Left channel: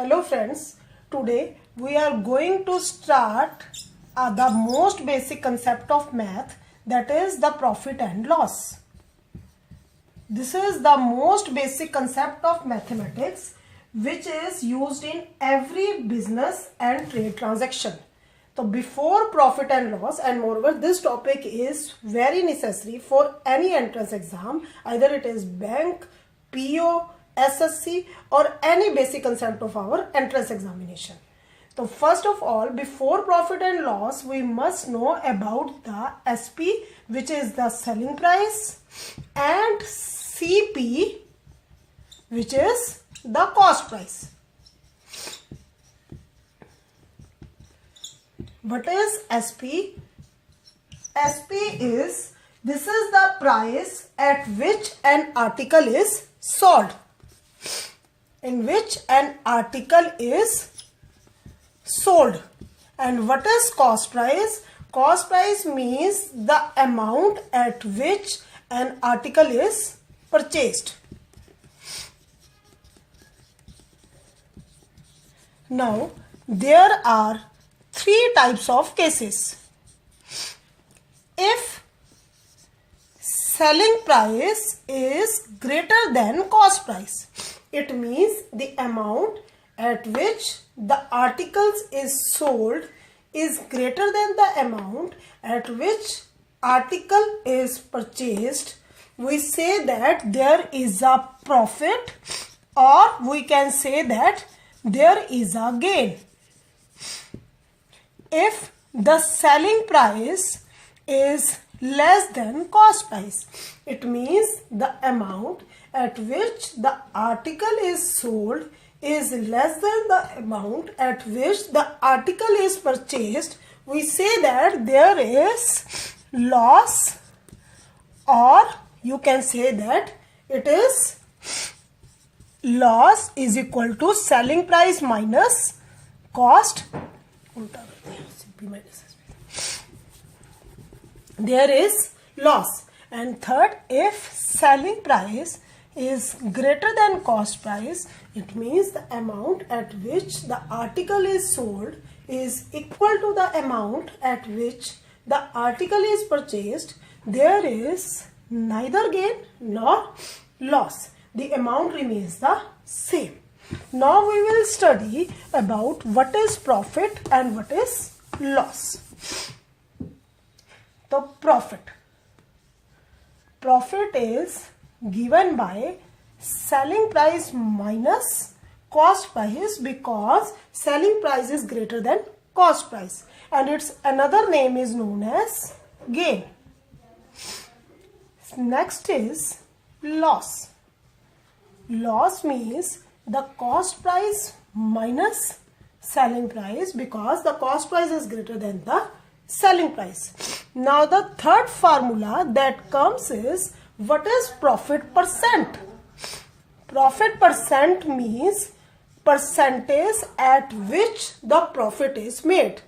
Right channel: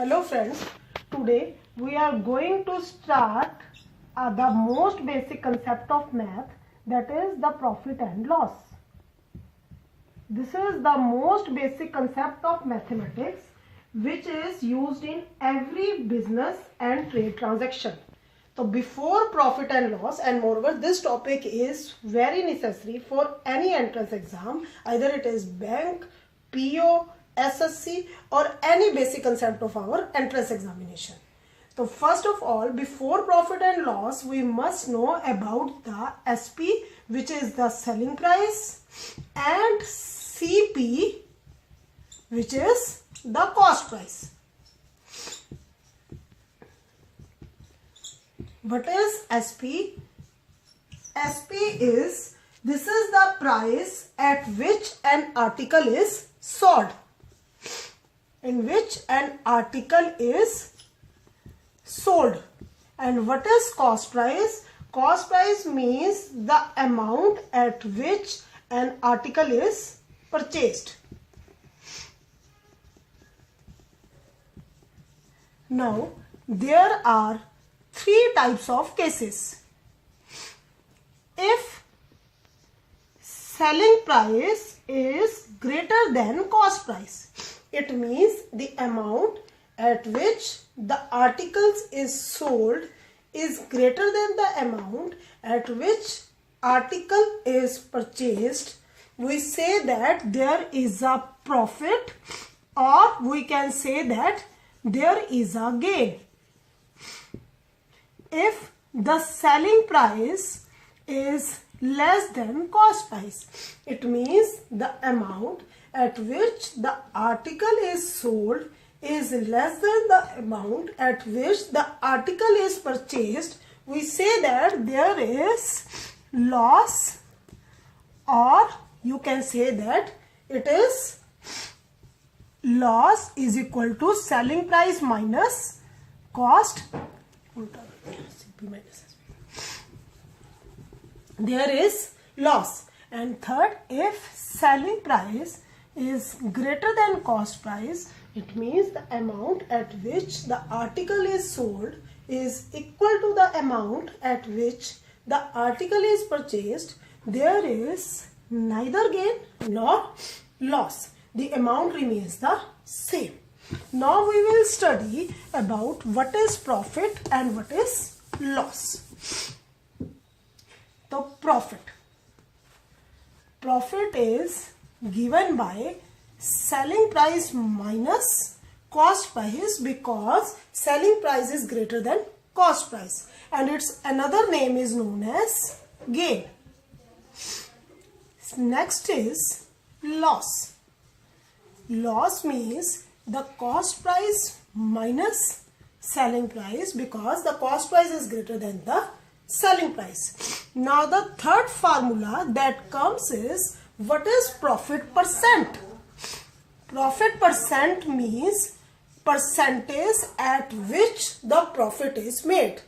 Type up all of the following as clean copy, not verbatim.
Hello friends, today we are going to start the most basic concept of math, that is the profit and loss. This is the most basic concept of mathematics which is used in every business and trade transaction. So before profit and loss, and moreover this topic is very necessary for any entrance exam, either it is bank, PO, SSC or any basic concept of our entrance examination. So first of all, before profit and loss, we must know about the SP, which is the selling price, and CP, which is the cost price. What is SP? SP is, this is the price at which an article is sold. In which an article is sold. And what is cost price? Cost price means the amount at which an article is purchased. Now, there are three types of cases. If selling price is greater than cost price, it means the amount at which the articles is sold is greater than the amount at which article is purchased. We say that there is a profit, or we can say that there is a gain. If the selling price is less than cost price, it means the amount at which the article is sold is less than the amount at which the article is purchased. We say that there is loss, or you can say that it is loss is equal to selling price minus cost. There is loss. And third, if selling price is greater than cost price, it means the amount at which the article is sold is equal to the amount at which the article is purchased. There is neither gain nor loss. The amount remains the same. Now we will study about what is profit and what is loss. The profit. Profit is given by selling price minus cost price, because selling price is greater than cost price, and its another name is known as gain. Next is loss. Loss means the cost price minus selling price, because the cost price is greater than the selling price. Now the third formula that comes is, what is profit percent? Profit percent means percentage at which the profit is made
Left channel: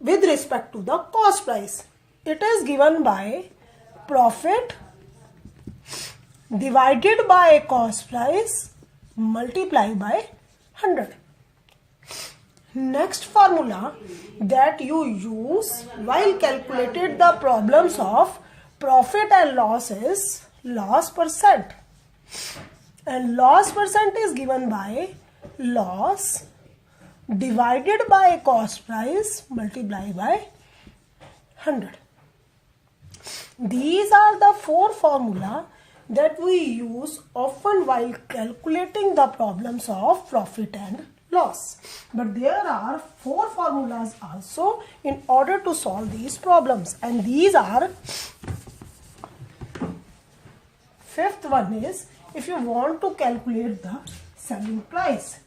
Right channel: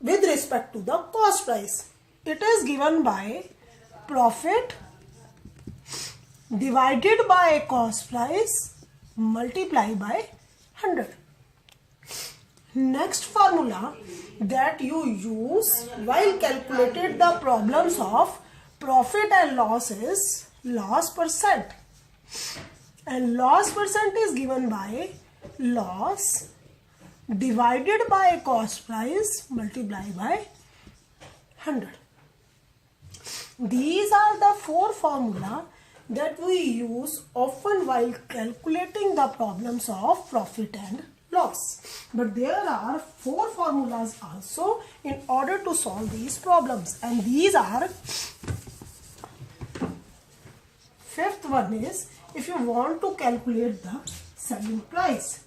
with respect to the cost price. It is given by profit divided by cost price multiplied by 100. Next formula that you use while calculating the problems of profit and loss is loss percent. And loss percent is given by loss divided by cost price multiplied by 100. These are the four formula that we use often while calculating the problems of profit and loss. But there are four formulas also in order to solve these problems, and these are, fifth one is, if you want to calculate the selling price.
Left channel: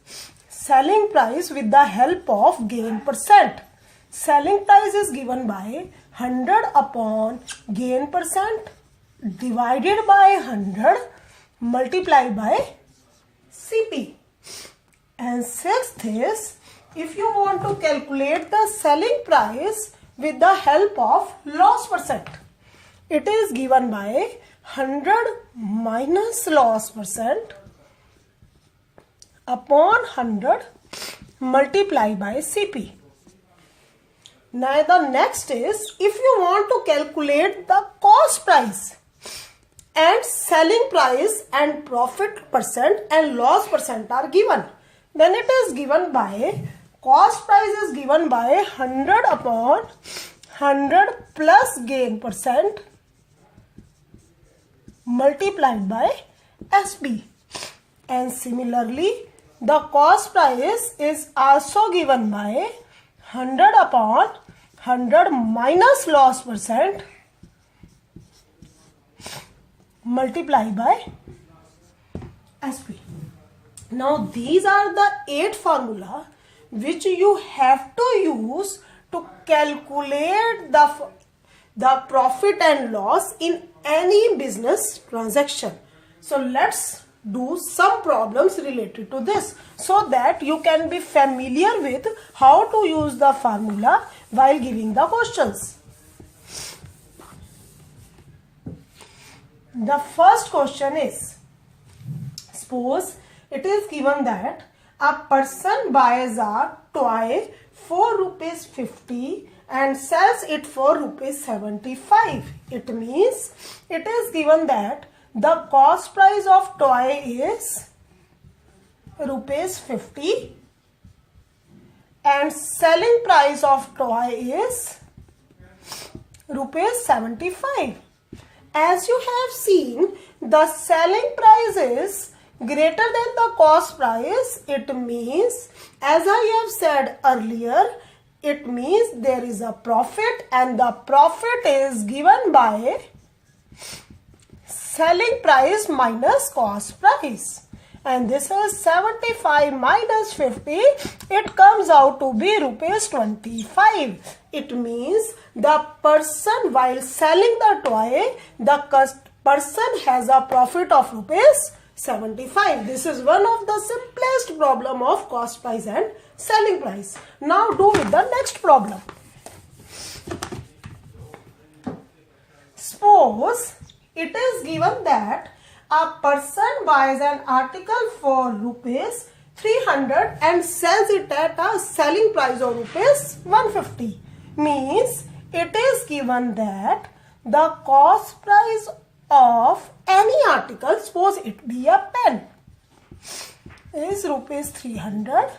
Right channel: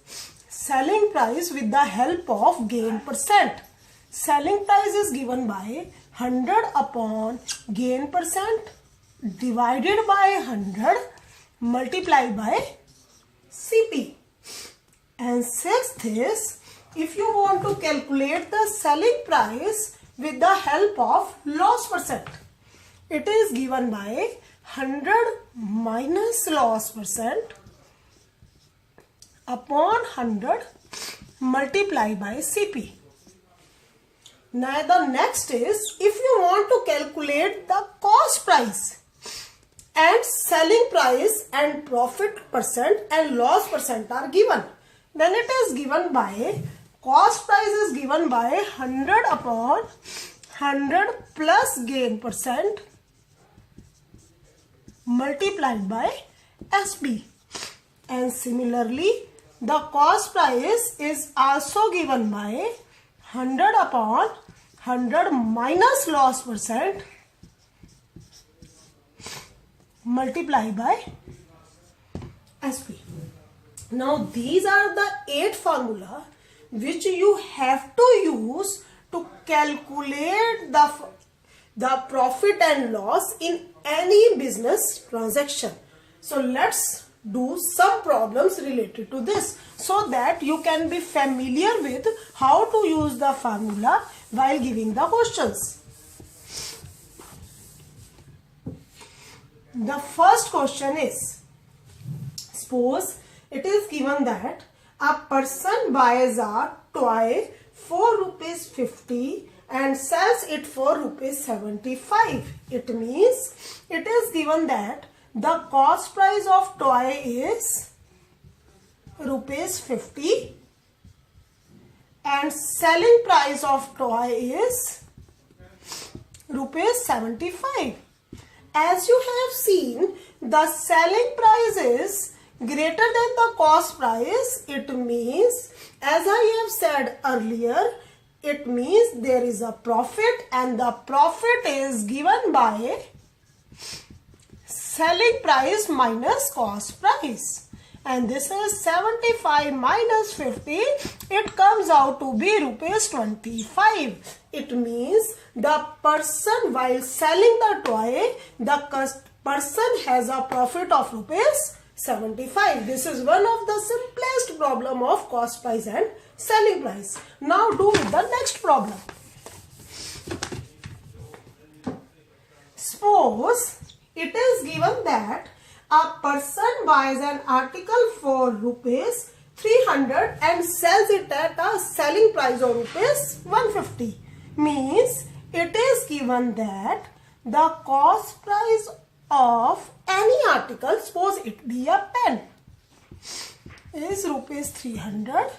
Selling price with the help of gain percent. Selling price is given by 100 upon gain percent divided by 100 multiplied by CP. And sixth is, if you want to calculate the selling price with the help of loss percent, it is given by 100 minus loss percent upon upon 100 multiply by CP. Now the next is, if you want to calculate the cost price and selling price and profit percent and loss percent are given, then it is given by, cost price is given by 100 upon 100 plus gain percent multiplied by SB. And similarly, the cost price is also given by 100 upon 100 minus loss percent multiplied by SB. Now these are the 8 formula which you have to use to calculate the profit and loss in any business transaction. So let's do some problems related to this so that you can be familiar with how to use the formula while giving the questions. The first question is, suppose it is given that a person buys a toy for rupees 50 and sells it for rupees 75. It means it is given that the cost price of toy is rupees 50 and selling price of toy is rupees 75. As you have seen, the selling price is greater than the cost price. It means, as I have said earlier, it means there is a profit and the profit is given by selling price minus cost price. And this is 75 minus 50. It comes out to be rupees 25. It means the person, while selling the toy, the person has a profit of rupees 75. This is one of the simplest problem of cost price and selling price. Now do with the next problem. Suppose it is given that a person buys an article for rupees 300 and sells it at a selling price of rupees 150. Means it is given that the cost price of any article, suppose it be a pen, is rupees 300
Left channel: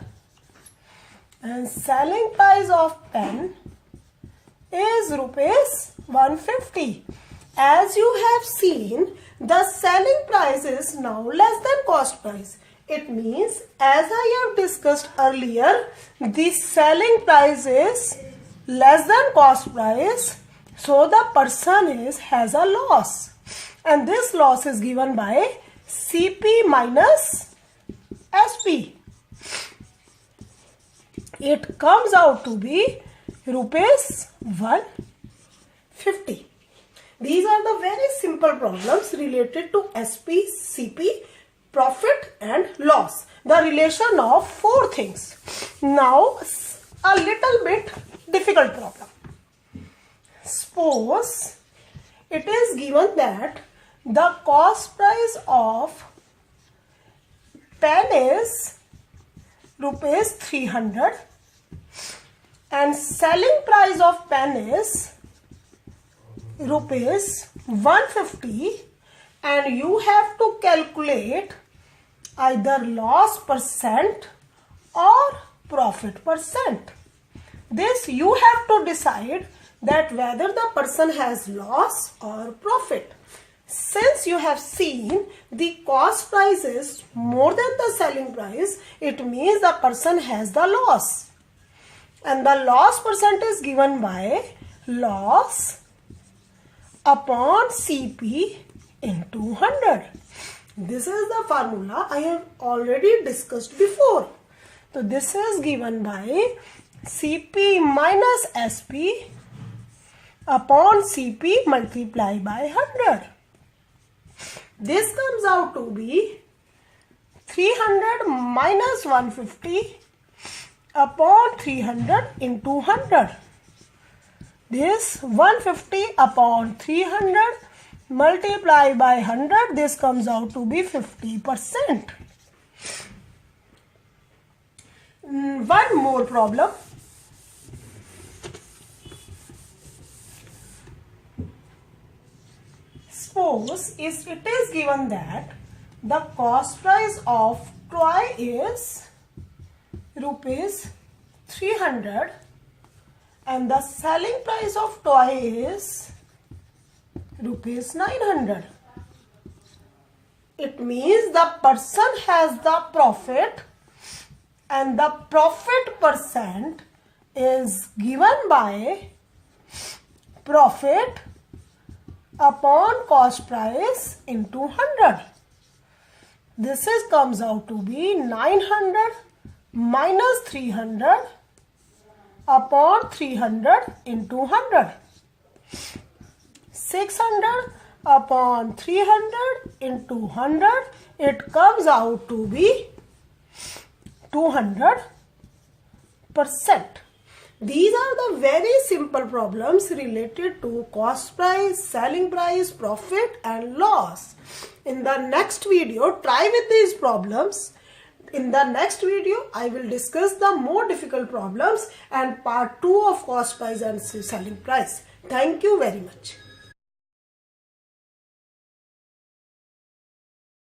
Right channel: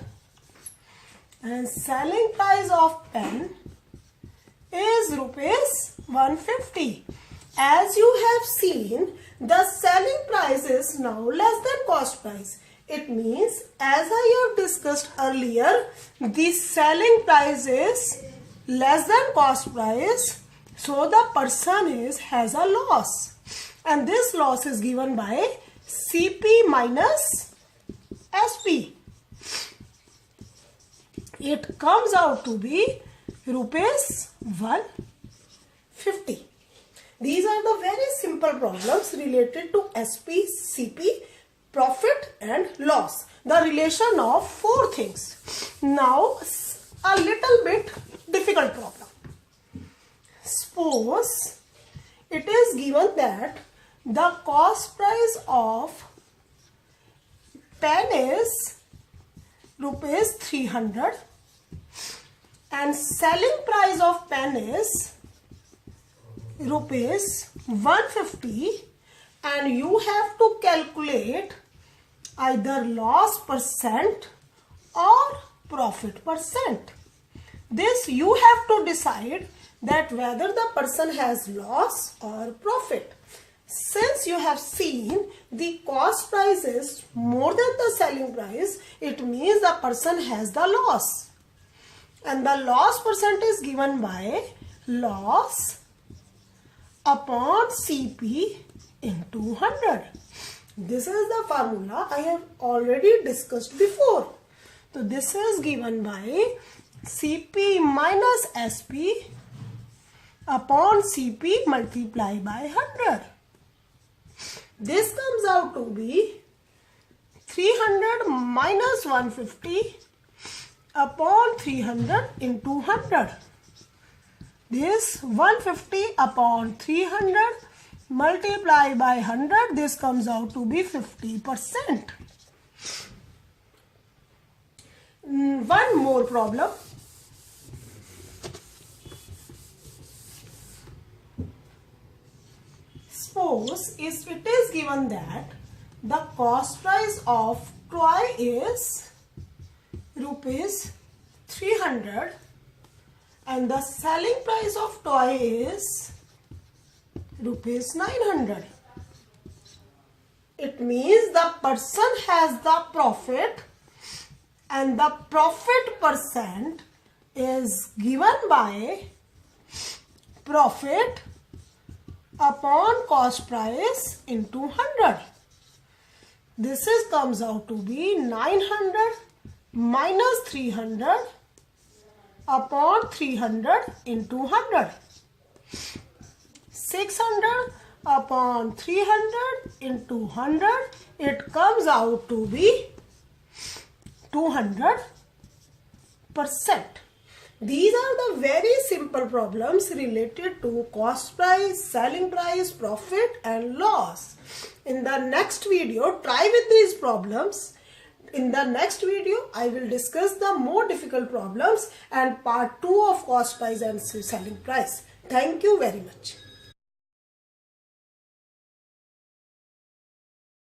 and selling price of pen is rupees 150. As you have seen, the selling price is now less than cost price. It means, as I have discussed earlier, the selling price is less than cost price, so the person has a loss, and this loss is given by CP minus SP. It comes out to be rupees 150. These are the very simple problems related to SP, CP, profit and loss. The relation of 4 things. Now a little bit difficult problem. Suppose it is given that the cost price of pen is rupees 300 and selling price of pen is rupees 150, and you have to calculate either loss percent or profit percent. This you have to decide that whether the person has loss or profit. Since you have seen the cost price is more than the selling price, it means the person has the loss. And the loss percent is given by loss upon CP into 100. This is the formula I have already discussed before. So this is given by CP minus SP upon CP multiplied by 100. This comes out to be 300 minus 150 upon 300 into 100. This 150 upon 300 multiplied by 100, this comes out to be 50%. one more problem. Suppose it is given that the cost price of toy is rupees 300 and the selling price of toy is rupees 900. It means the person has the profit and the profit percent is given by profit upon cost price into 100. This comes out to be 900 minus 300 upon 300 into 100. 600 upon 300 into 100, it comes out to be 200%. These are the very simple problems related to cost price, selling price, profit and loss. In the next video, try with these problems. In the next video, I will discuss the more difficult problems and part 2 of cost price and selling price. Thank you very much.